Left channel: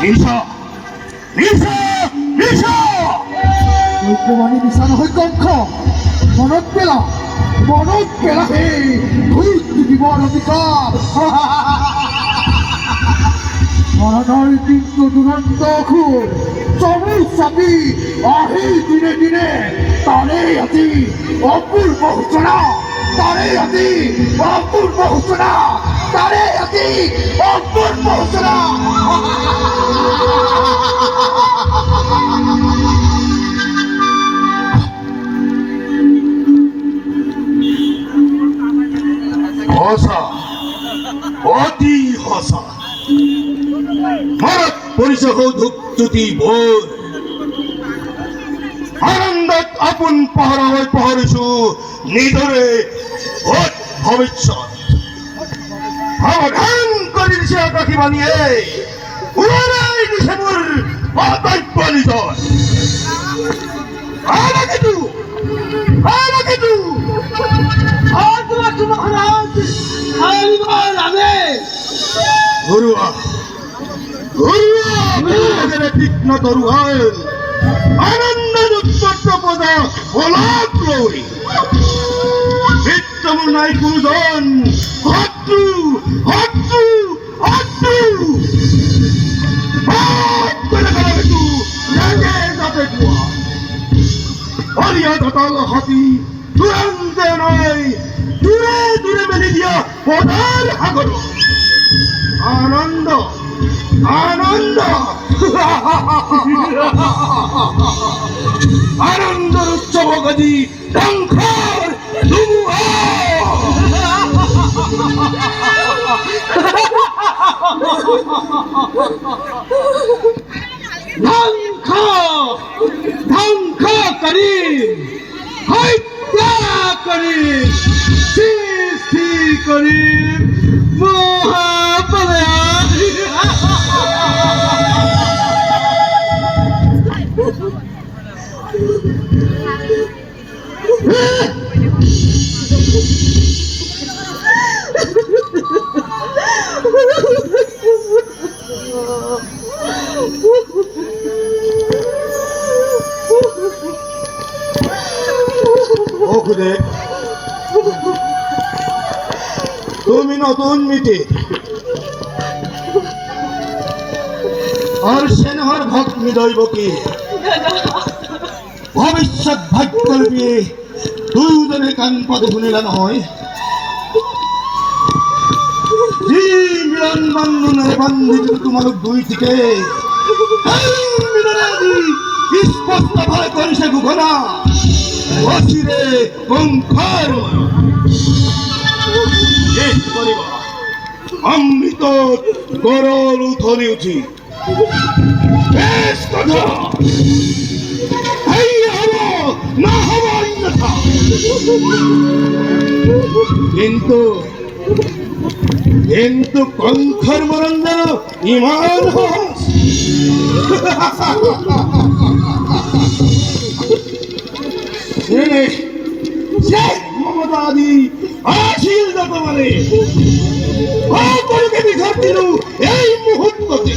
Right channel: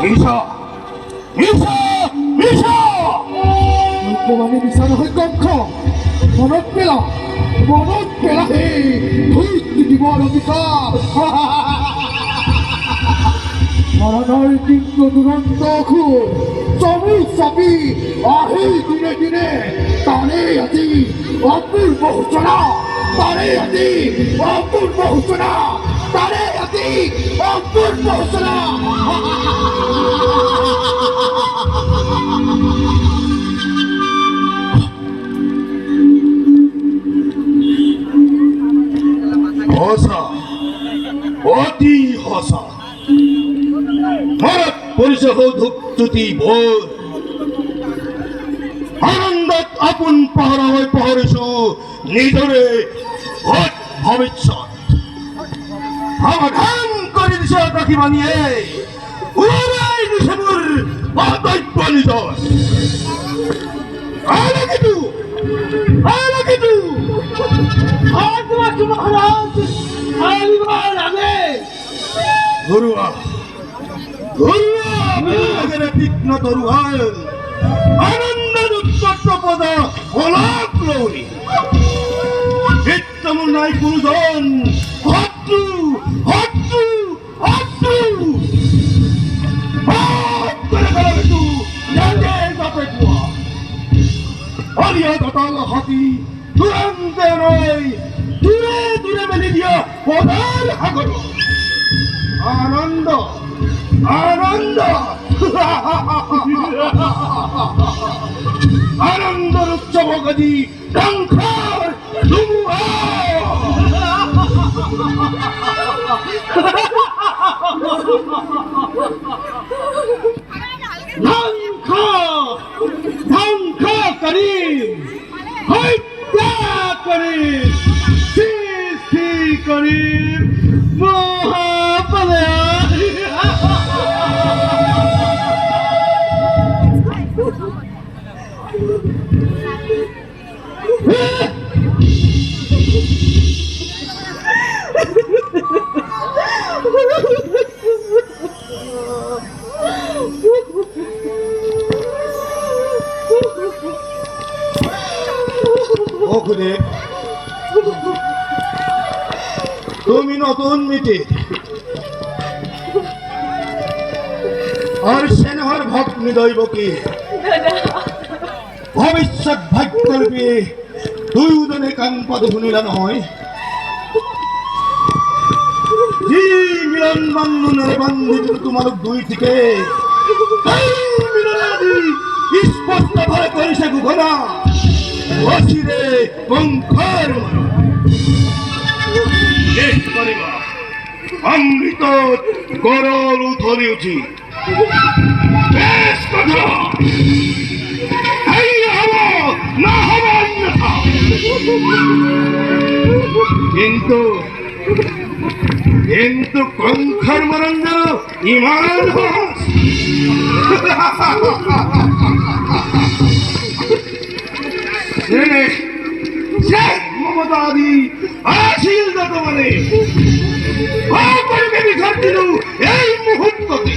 নিশা নিশা নিশা মানে নিশা নহয় কক্ষ মনত পেলা হে ধৰিত্ৰী দিবৰ অধিকাৰ মৰণৰ তীব্ৰ দুৰন্ত অসুৰ চমু চাপি আহি দিনে দিনে তাৰে আজি অপূৰ্ব সূচনা তাৰে আজি অপূৰ্ব সূচনা তাৰে আজি অপূৰ্ব সূচনা হসা অতি হসা ভারত পৰিচয় ধূপজ্যোতি ভোৰ আনন্দত আপোন পাহৰা হৈ পাহৰিছো নিজৰে ভূত ভৱিষ্যত সাৱধান কৰি দিছে আকাশীবাণীয়ে উৰাই দিছে মোৰ কৰ্তব্য নিজৰ তীক্ষ্ণ তৰুৱাল আনন্দ উৎপত্ত অলপ লৈ বৃত্ত মোৰ নাই কোনোজন শত্ৰু শত্ৰু শত্ৰু যাতে কোৱা অলিয়া ঘটল হাতী তুৰন্তে নৈ দূৰে দূৰে মেলি দিয়া পদাৰ সাগৰ আনন্দ আনন্দ আনন্দৰ উৎসৱ গদি ধ্বংসৰ ধুমুহা ধ্বংস ধ্বংস কৰিম হত্যা কৰিম সৃষ্টি কৰিম মহাপ্ৰলয় তুমি নতুন মিটি আর সেনহর ভক্ত নিদৈব কি ভবিষ্যৎ ভাগ্যৰ বিয়ে দুয়োজনে কাণ পাতি শুনিলা নহয় যি মিলন বন্ধনেৰে বান্ধিলো তোমালোক দুই ঠিকে স্পষ্ট ভাৱে কৰিছে ঘোষণা অচিৰে বংশৰ শেষ কৰিবা অমৃতত গৰল উঠলি উঠি বেশ কথা না হব অন্যথা কিন্তু কিন্তু কংখর মরণ যেন ইমান মমতাদি আসিল যত মানে অপরকে বিঘাত দিল এই মুহূর্ততে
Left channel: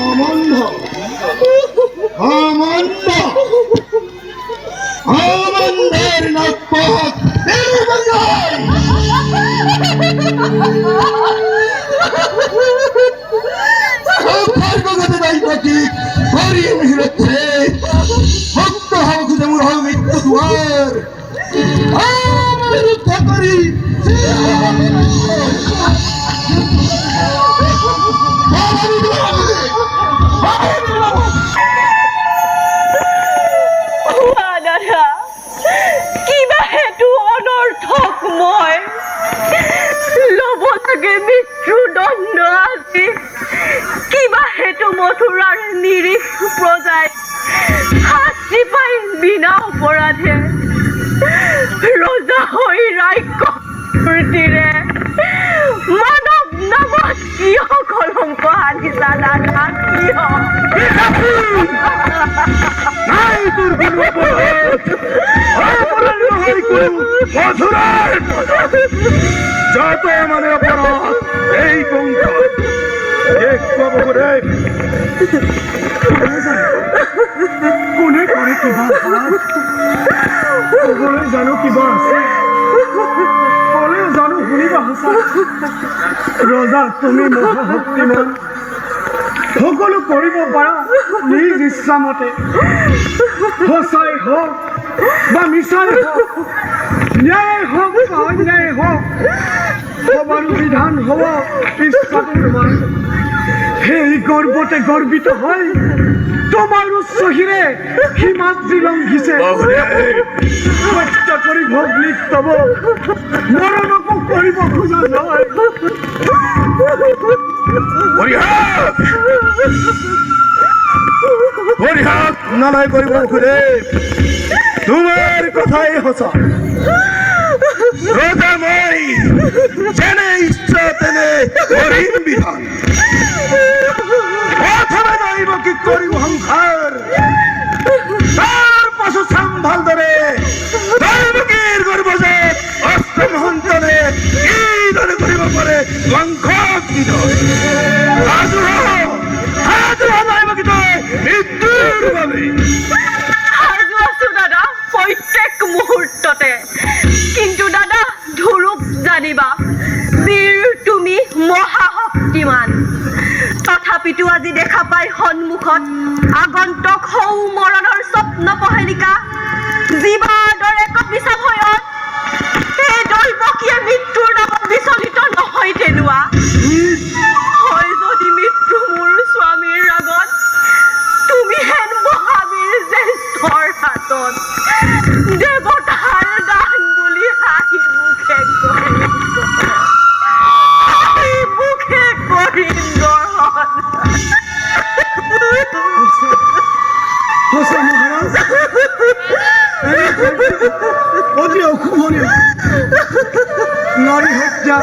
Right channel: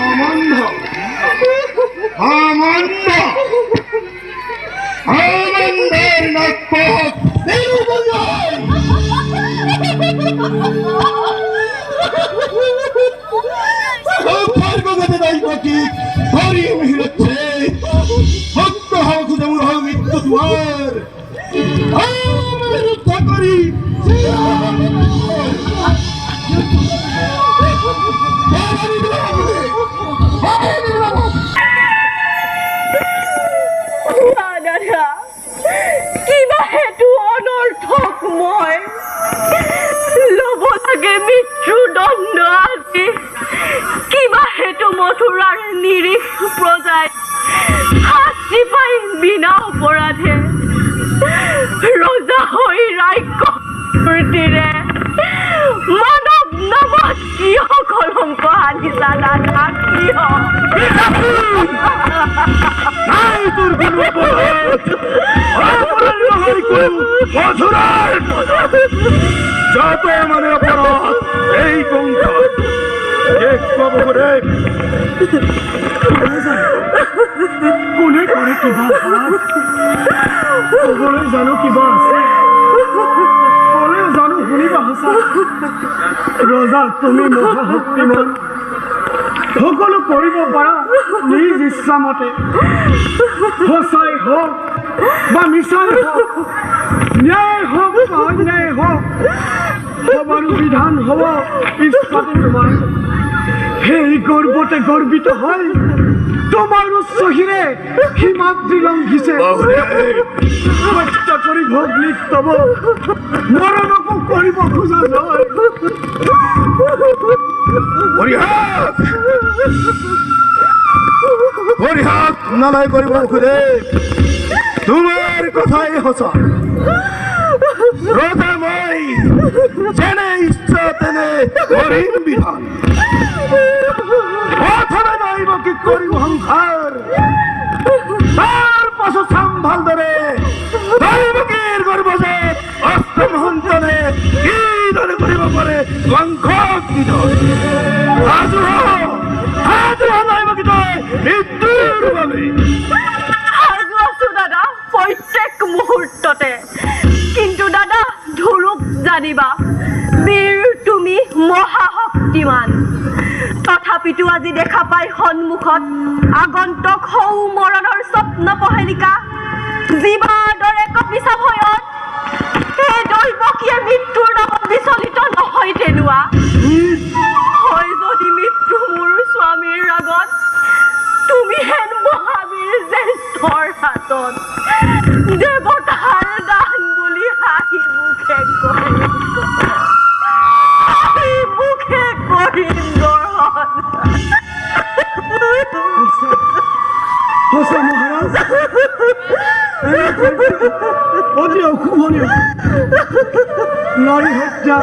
আমন্দ আমন্দ আমন্দের নাকপথ ভক্ত হওয়া খুঁজে মূল হল মৃত্যু দুয়ার আমার রক্ষা করি কিবা হেতু অনৰ্থক মই ল'ব লাগে মৃত্যুদণ্ড আজি কিবা হেতু মথুৰাৰ নিৰীহ প্ৰজাই শাস্তি পাই বিনা অপৰাধে ৰজা হৈ ৰাক্ষসীৰে মানৱ নামত কিয় কলংক আনিছা দাদা কিয় যত মানে অপরাধ এই কংস বহুৰে কোনে কৰে কিবা ক'বলৈ জানো কিবা আছে ক'লে জানো শুনিবা সঁচা ৰজা তুমি মহাশক্তিমান সকলো কৰিব পাৰা নিজ ইচ্ছামতে সঁচাই হওক বা মিছাই হওক ন্যায় হওক বা অন্যায় হওক সবাৰো বিধান হ'ব ইচ্ছাটো তোমাৰ সেই গৰ্বতে গৰ্বিত হয় তোমাৰ উচ্চহীৰে সীমাদ্ৰী লংঘিছে হত্যা কৰি ভোগ লিপ্তব মৰণকো কৰিব খোজা নহয় পৰিহাস নালাই কৰিব খুদে তোমাৰ কথাই সঁচা ৰজা মই যেনে ইচ্ছা তেনে কৰিম বিধান প্ৰথমে যাইব কি কৰিম সংসাৰ তাৰ পাছত চাম ভালদৰে দৈৱকীৰ গৰ্ভজাত অষ্টম সন্তানে কিদৰে কৰিব পাৰে বংশক নিধন মৃত্যুৰ বাবে সাজু আছো দাদা প্ৰত্যেক মুহূৰ্ততে কিন্তু দাদা ধুৰুক জানিবা বীৰ তুমি মহাশক্তিমান তথাপিতো আজি দেখা পাই সন্মুখত আগন্তুক সৌ মৰণৰ স্বপ্ন পহেলিকা জীৱাৰ দৰে কপিছা ভয়ত সেই দৈৱকীয়ে মৃত্যুৰ নামত বিচলিত নহয় তেনোৱা হয় যদি মৃত্যু মোৰ স্বামীৰ আগত তুমি হেন মহাবীৰ জ্যেষ্ঠৰ হাতত দেৱতাৰ দান বুলি হাঁহি মুখে কৰিম গ্ৰহণ সঁচা মহাৰাজ অতি অশুভনীয় নাৰী হত্যা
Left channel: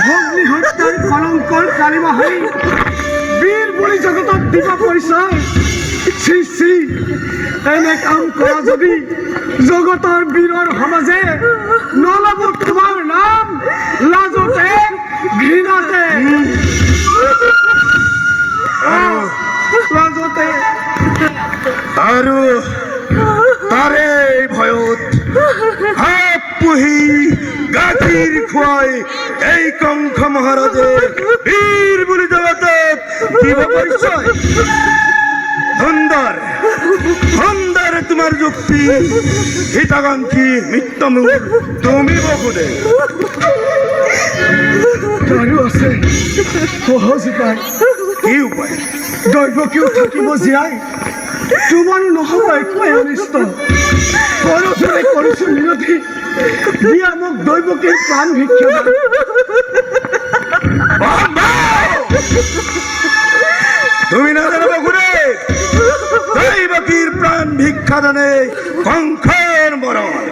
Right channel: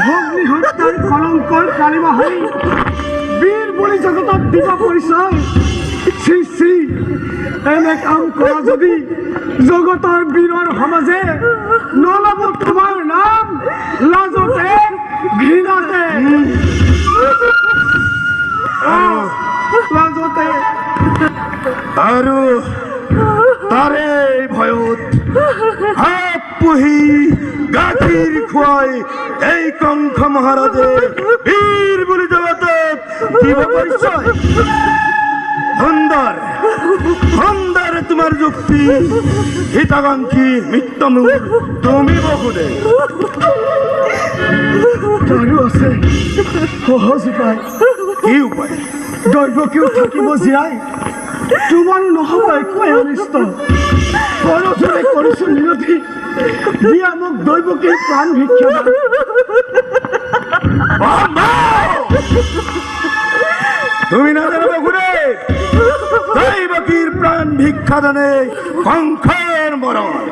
ভগ্নী হত্যাৰ কলংকৰ কালিমাহাৰী বীৰ বুলি জগতক দিবা পৰিচয় শ্ৰী শ্ৰী এনে কাম কৰা যদি জগতৰ বীৰৰ সমাজে নলব তোমাৰ নাম লাজতে ঘৃণাতে লাজতে আৰু তাৰে ভয়ত হাত পুহি গাখীৰ খুৱাই এই কংস মহাৰাজে বীৰ বুলি জগতক দিব পৰিচয় সুন্দৰ সুন্দৰ তোমাৰ যুক্তি হিতাকাংক্ষী মৃত্যুমূল তুমি বহুদে আৰু আছে সহজ উপায় কি উপায় দৈৱকীও থাকিব জীয়াই তোমাৰ নহ'ব একোৱে অনিষ্ট কৰজনে কৰিছোঁ মিনতি দিয়া মোক দৈৱকীৰ প্ৰাণ ভিক্ষা তুমি নাজানো বহুদে দৈৱকীৰ প্ৰাণ ভিক্ষা দানে কংসৰ মৰণ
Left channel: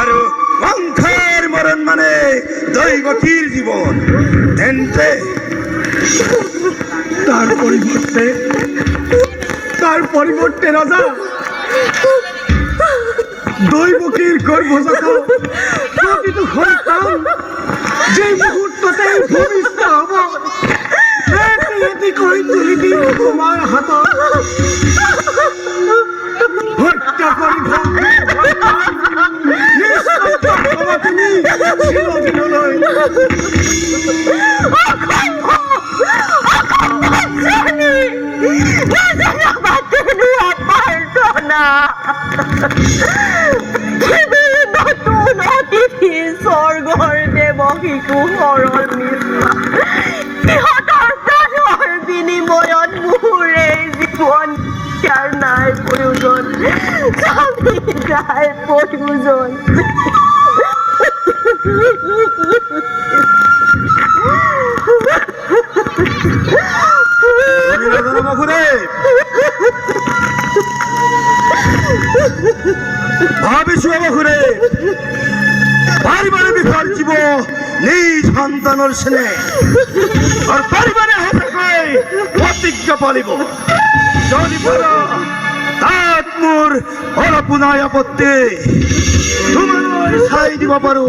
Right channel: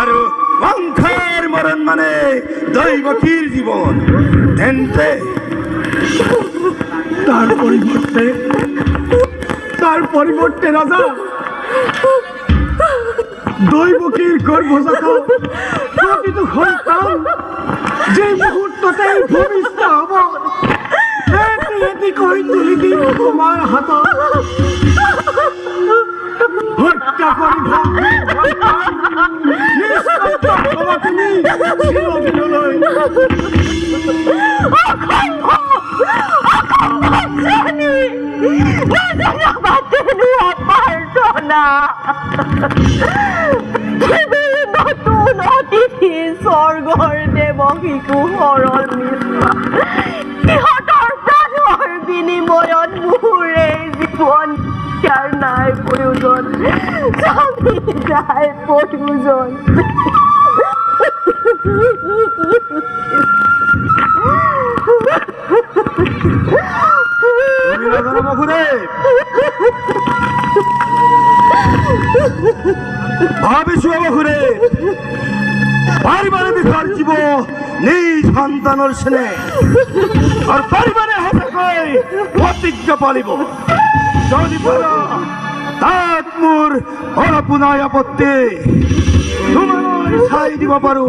আৰু কংসৰ মৰণ মানে দৈৱকীৰ জীৱন তেন্তে তাৰ পৰিৱৰ্তে ৰাজা দৈৱকীৰ গৰ্ভজাত প্ৰতিটো সন্তান যে মুহূৰ্ততে ভূমিষ্ঠ হ'ব এটি কৰি তুলি দিম তোমাৰ হাতত হত্যা কৰি তুমি চিৰদিনলৈ নতুন অতিথি স্বৰ্গৰ দেৱ শিশু সৰল নিচিনা সিহঁতৰ প্ৰাণৰ বিনিময়ত মোৰে জীৱন ইয়াৰ নাই প্ৰয়োজন স্বামী নাই প্ৰয়োজন ভাবিছো বহুৰে পাৰিবাৰে বিষাৰ জীৱ নিজ সন্তানৰ স্নেহ আৰু পাৰিবাৰে সঁচাকৈ প্ৰতিজ্ঞা পালিব যদি পাৰা তাত মোৰ অলপো নাই আপত্তি তোমাৰ চাই দিব পাৰো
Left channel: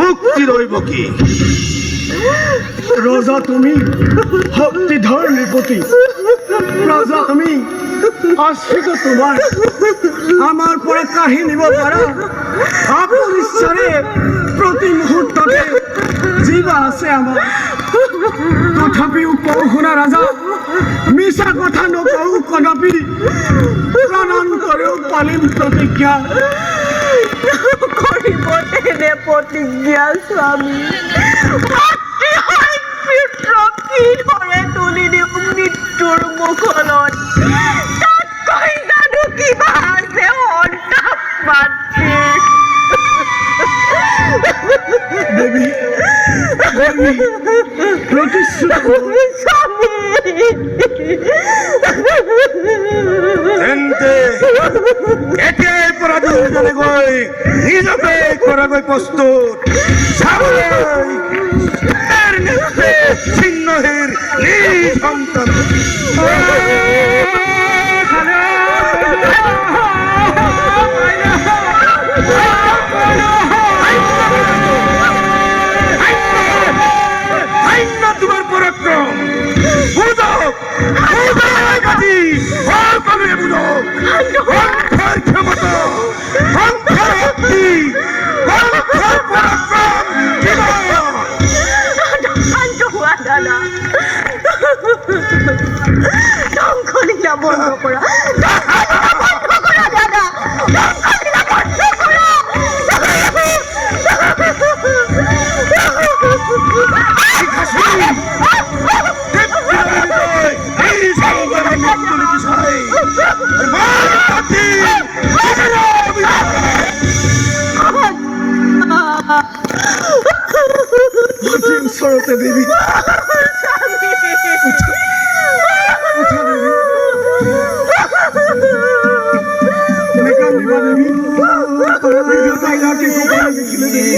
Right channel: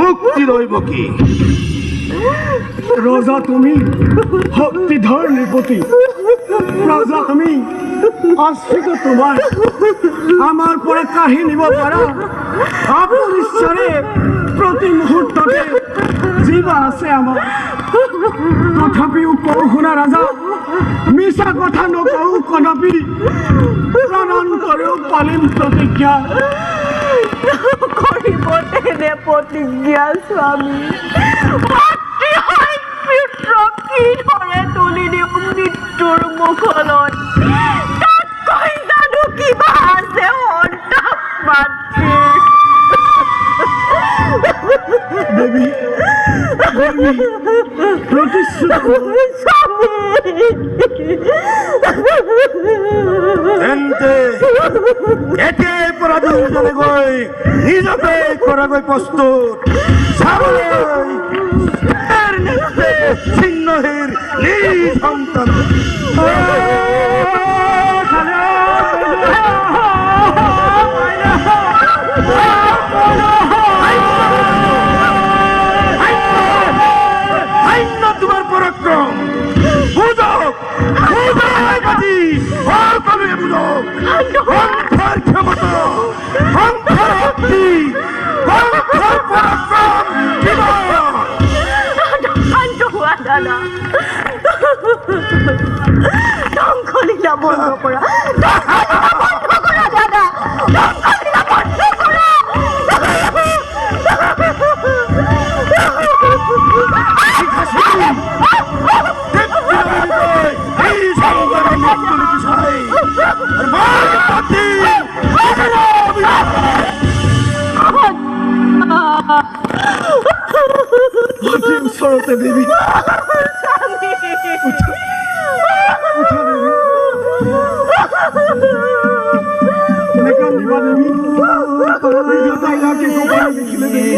মুক্তি দৈৱকী ৰজা তুমি শক্তিধৰ নৃপতি, ৰজা আমি আশ্ৰিত তোমাৰ। আমাৰ পৰা কাঢ়ি নিব পাৰা অপৰিশ্বাৰে প্ৰতি মুহূৰ্ততে জীৱা আছে আমাৰ। তথাপিও কওঁ শুনা ৰাজা, মিছা কথা নকওঁ কদাপি, প্ৰাণান্তৰেও পালিম প্ৰতিজ্ঞা। কৰিব তেনে প্ৰতিজ্ঞা স্বামী। পিতৃক কিদৰে তুলি দিওঁ মৃত্যুৰ মুখলৈ, তাতকৈ জানো কিবা আছে সন্তাপ মাতৃৰ। দেৱী দেৱী প্ৰতিশ্ৰুতি স্বামী, তেন্তে এতিয়াই পৰা দুজনে গৈ নিজকে কৰাগৈ প্ৰস্তুত, চাবলৈ তাৰ নেত্ৰে ছিন্নহীৰ নিজ সন্তান। তোমাৰ পৰাক্ৰম বুজক, সকলোৱে বুজক, সংসাৰ ক্ষমতা, সংসাৰ শক্তি, সংসাৰ পৰাক্ৰম কিমান। শান্ত হোৱা দাদা, ধ্বংসলীলা বন্ধ কৰা, বন্ধ কৰা দাদা, ধ্বংসলীলা বন্ধ কৰা। অতি ওচৰতে দেৱী, উঠা দেৱী, নেকান্দিবা দেৱী, দেউতাইলাকে কপালে দেখিলে দেৱী।